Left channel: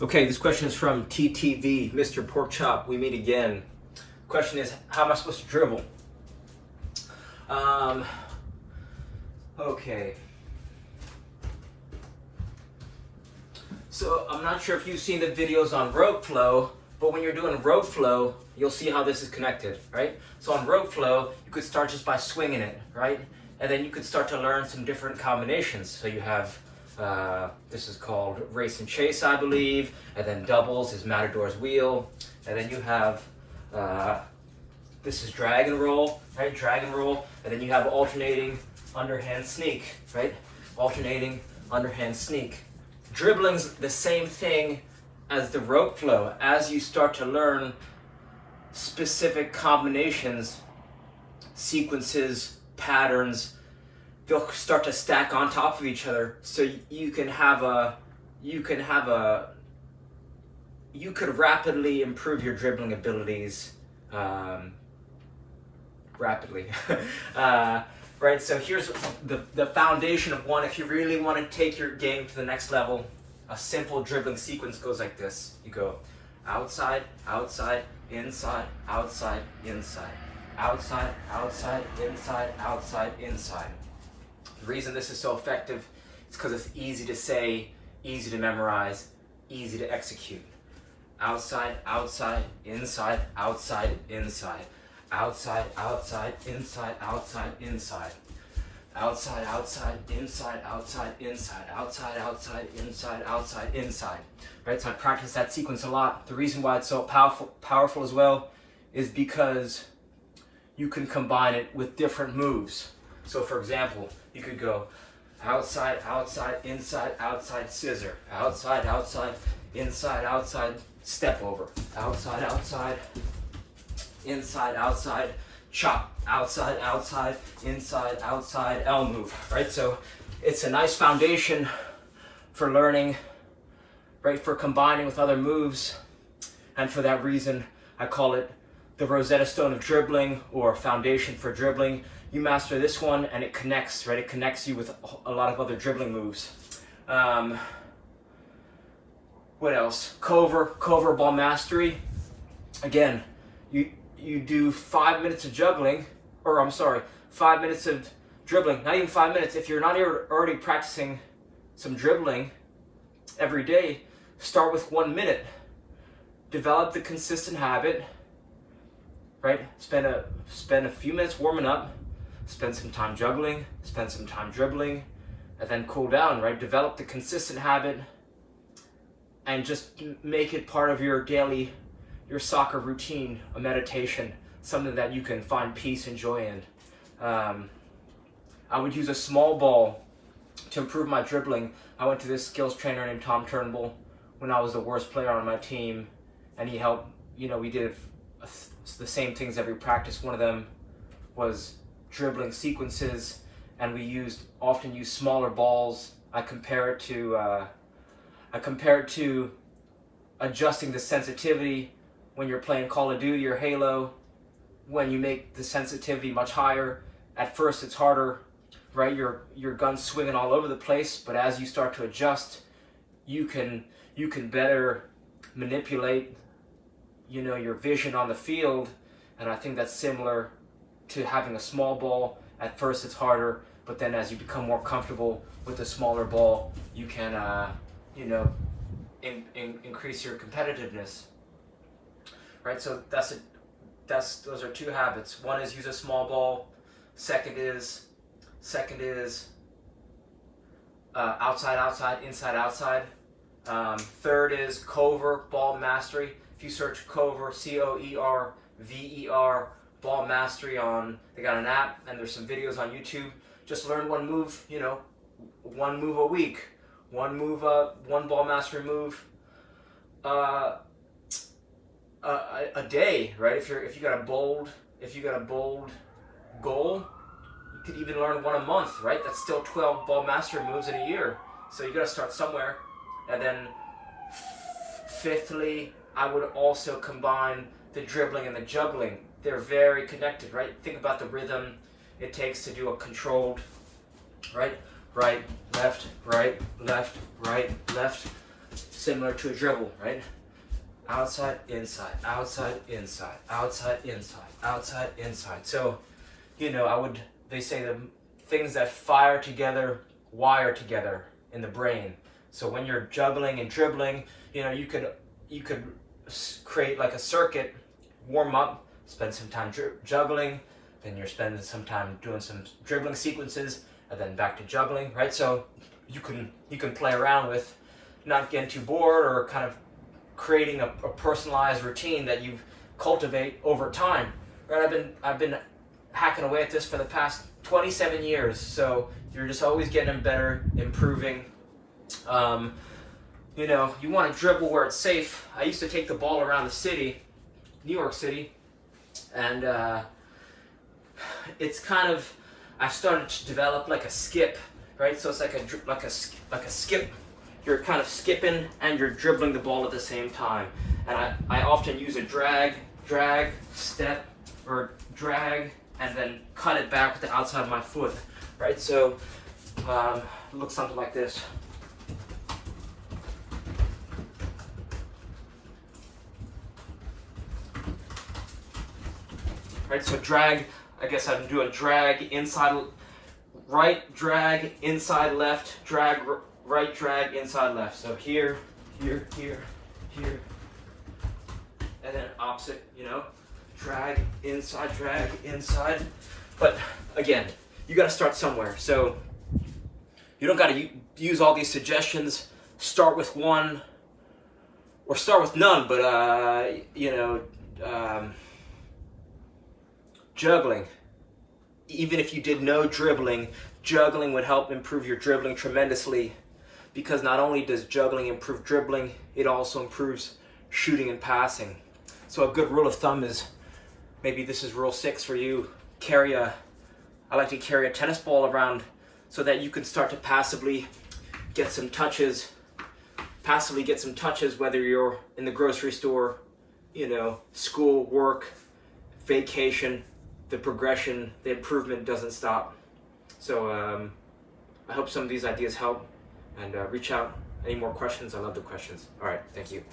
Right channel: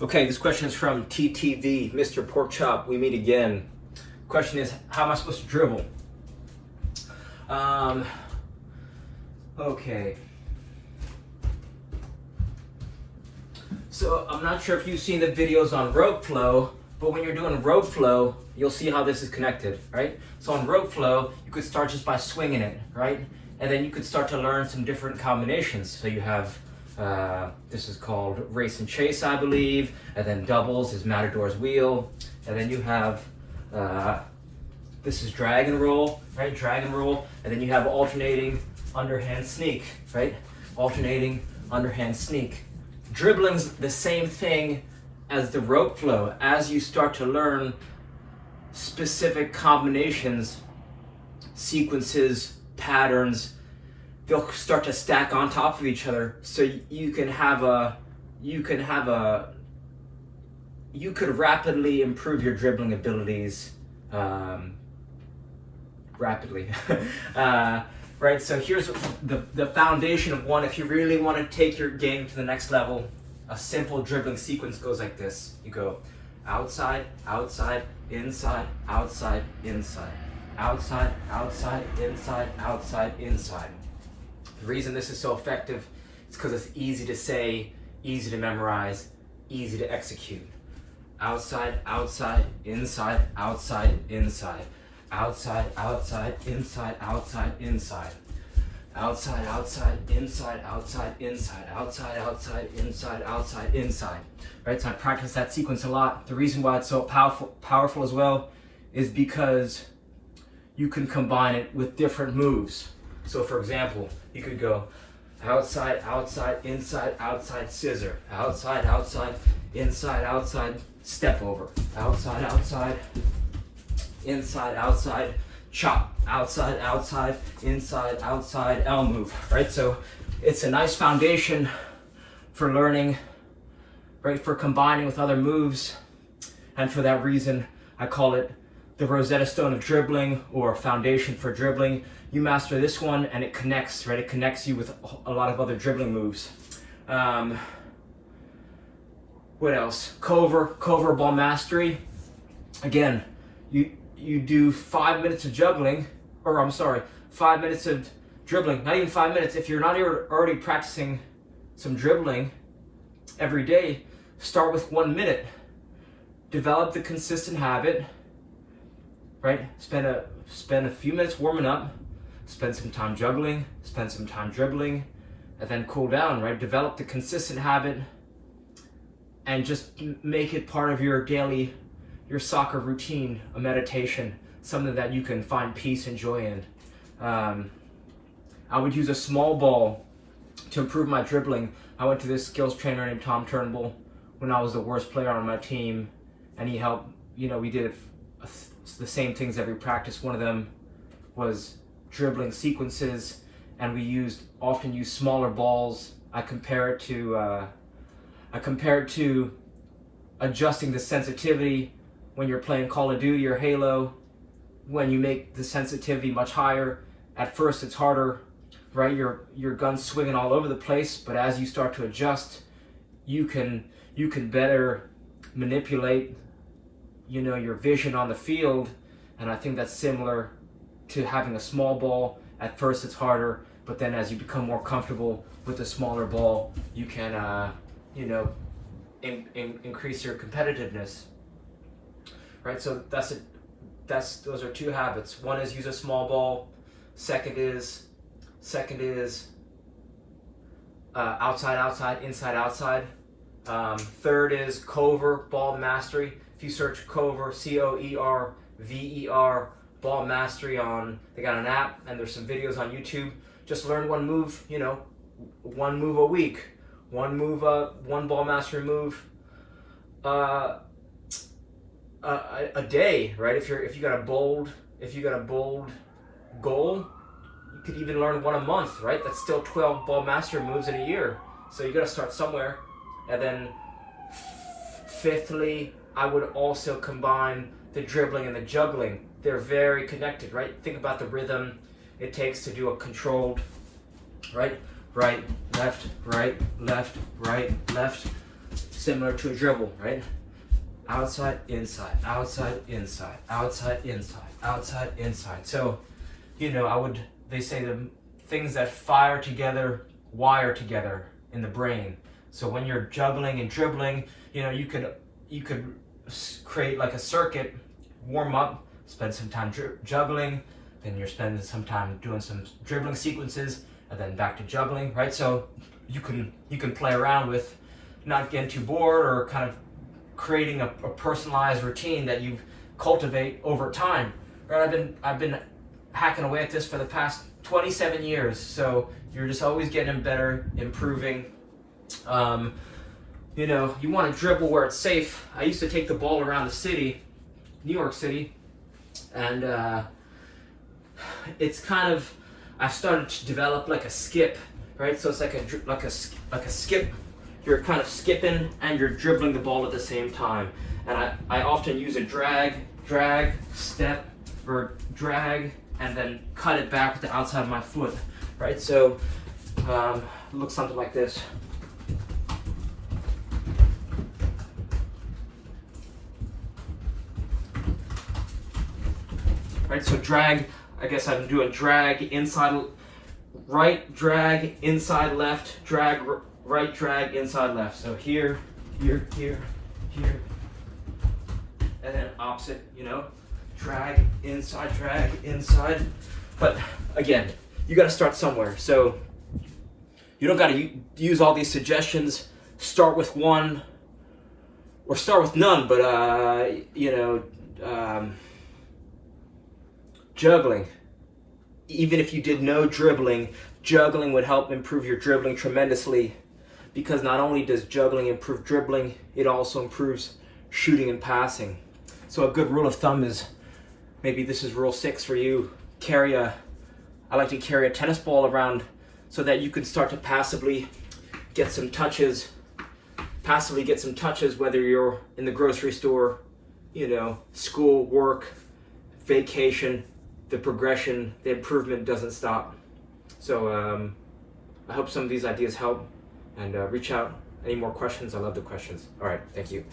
Okay, this question is from TTV, Mr. Pork Chop. We meet again. Question is, how am I supposed to dribble? Okay. So I'm not sure if you've seen the videos on rope flow, but when you're doing rope flow, you'll see how this is connected, right? So on rope flow, you could start just by swinging it, right? And then you could start to learn some different combinations. So you have, this is called race and chase, I believe, and then doubles is Matador's wheel, and then you have, this is drag and roll, right? Drag and roll, and then you have alternating underhand sneak, right? Alternating underhand sneak. Dribbling's the same thing as the rope flow. As you start to learn specific combinations, sequences, patterns, they'll start to stack on top of each other. So you could rapidly improve your dribbling abilities, rapidly. Right, so here's the foundation of one. If you really want to take your game to the next level, a simple dribbling sequence goes like this. You go outside, outside, inside, outside, inside, outside, outside, inside, outside, inside. The reason this is so effective is because it's easy to say, easy to memorize, easy to execute. Outside, outside, inside, outside, inside. Outside, outside, inside, outside, inside. Outside, outside, inside, outside, inside. Outside, outside, inside, outside, inside. Right, so I practice that sequence a lot. The reason why it's so powerful as well is because you can combine it with different moves. So for example, you could go outside, outside, inside, outside, scissor. Outside, outside, inside, outside, step over. Outside, outside, inside, outside, chop. Outside, outside, inside, outside, L move, right? So it's a nice foundation for learning, right? For combining with other moves. And for that reason, I call it the Rosetta Stone of dribbling, or foundation for dribbling. You master this one and it connects, right? It connects you with a lot of other dribbling moves. What else? Cover ball mastery. Again, you do 5 minutes of juggling, or I'm sorry, 5 minutes of dribbling, not even 5 minutes. If you're not already practicing some dribbling every day, start with 1 minute. Develop the consistent habit, right? Spend a few minutes warming up, spend some time juggling, spend some time dribbling, and then cool down, right? Develop the consistent habit and just make it part of your daily, your soccer routine, a meditation, something that you can find peace and joy in. I would use a small ball to improve my dribbling. I went to this skills trainer named Tom Turnbull when I was the worst player on my team, and he helped, we did the same things every practice. One of them was dribbling sequences, and we often use smaller balls. I compare it to adjusting the sensitivity when you're playing Call of Duty or Halo. When you make the sensitivity much higher, at first it's harder, right? Your gun's swinging all over the place, but as you start to adjust, you can better manipulate, your vision on the field. And I think that's similar to having a small ball. At first it's harder, but then as you become more comfortable with a smaller ball, you can, increase your competitiveness. Right, so those are two habits. One is use a small ball. Second is outside, outside, inside, outside. Third is cover ball mastery. If you search cover, COERVER, ball mastery they got an app and there's some videos on YouTube. Just learn one move, one move a week, one ball mastery move a day, right? If you got a bold goal, you could even learn one a month, right? That's still 12 ball mastery moves in a year. So you got to start somewhere. And then fifthly, I would also combine the dribbling and the juggling. They're very connected, right? Think about the rhythm it takes to do a controlled, right, left, right, left, right, left, similar to a dribble, right? Outside, inside, outside, inside, outside, inside, outside, inside. So, you know, they say the things that fire together, wire together in the brain. So when you're juggling and dribbling, you know, you could create like a circuit, warm up, spend some time juggling, then you're spending some time doing some dribbling sequences, and then back to juggling, right? So you can play around with not getting too bored, or kind of creating a personalized routine that you cultivate over time. Right? I've been hacking away at this for the past 27 years, so you're just always getting better, improving. You know, you want to dribble where it's safe. I used to take the ball around the city, New York City, and it's kind of, I've started to develop like a skip, right? So it's like a skip. You're kind of skipping and you're dribbling the ball at the same time. And I often use a drag, step, or drag, and then cut it back with the outside of my foot, right? So it looks something like this. Right, so drag, I guess I'm doing drag inside, right, drag, inside, left, drag, right, drag, inside, left. So here, here, here, here, and then opposite, you know, drag, inside, But again, you gotta start somewhere. So you don't gotta use all these suggestions. Start with one, or start with none, but you know, juggling. Even if you did no dribbling, juggling would help improve your dribbling tremendously, because not only does juggling improve dribbling, it also improves shooting and passing. So a good rule of thumb is, maybe this is rule 6 for you, I like to carry a tennis ball around so that you can start to passively get some touches, whether you're in the grocery store, you know, school, work, vacation. The progression, the improvement doesn't stop. So I hope some of these ideas help, and reach out. Any more questions? I love the questions. All right, thank you.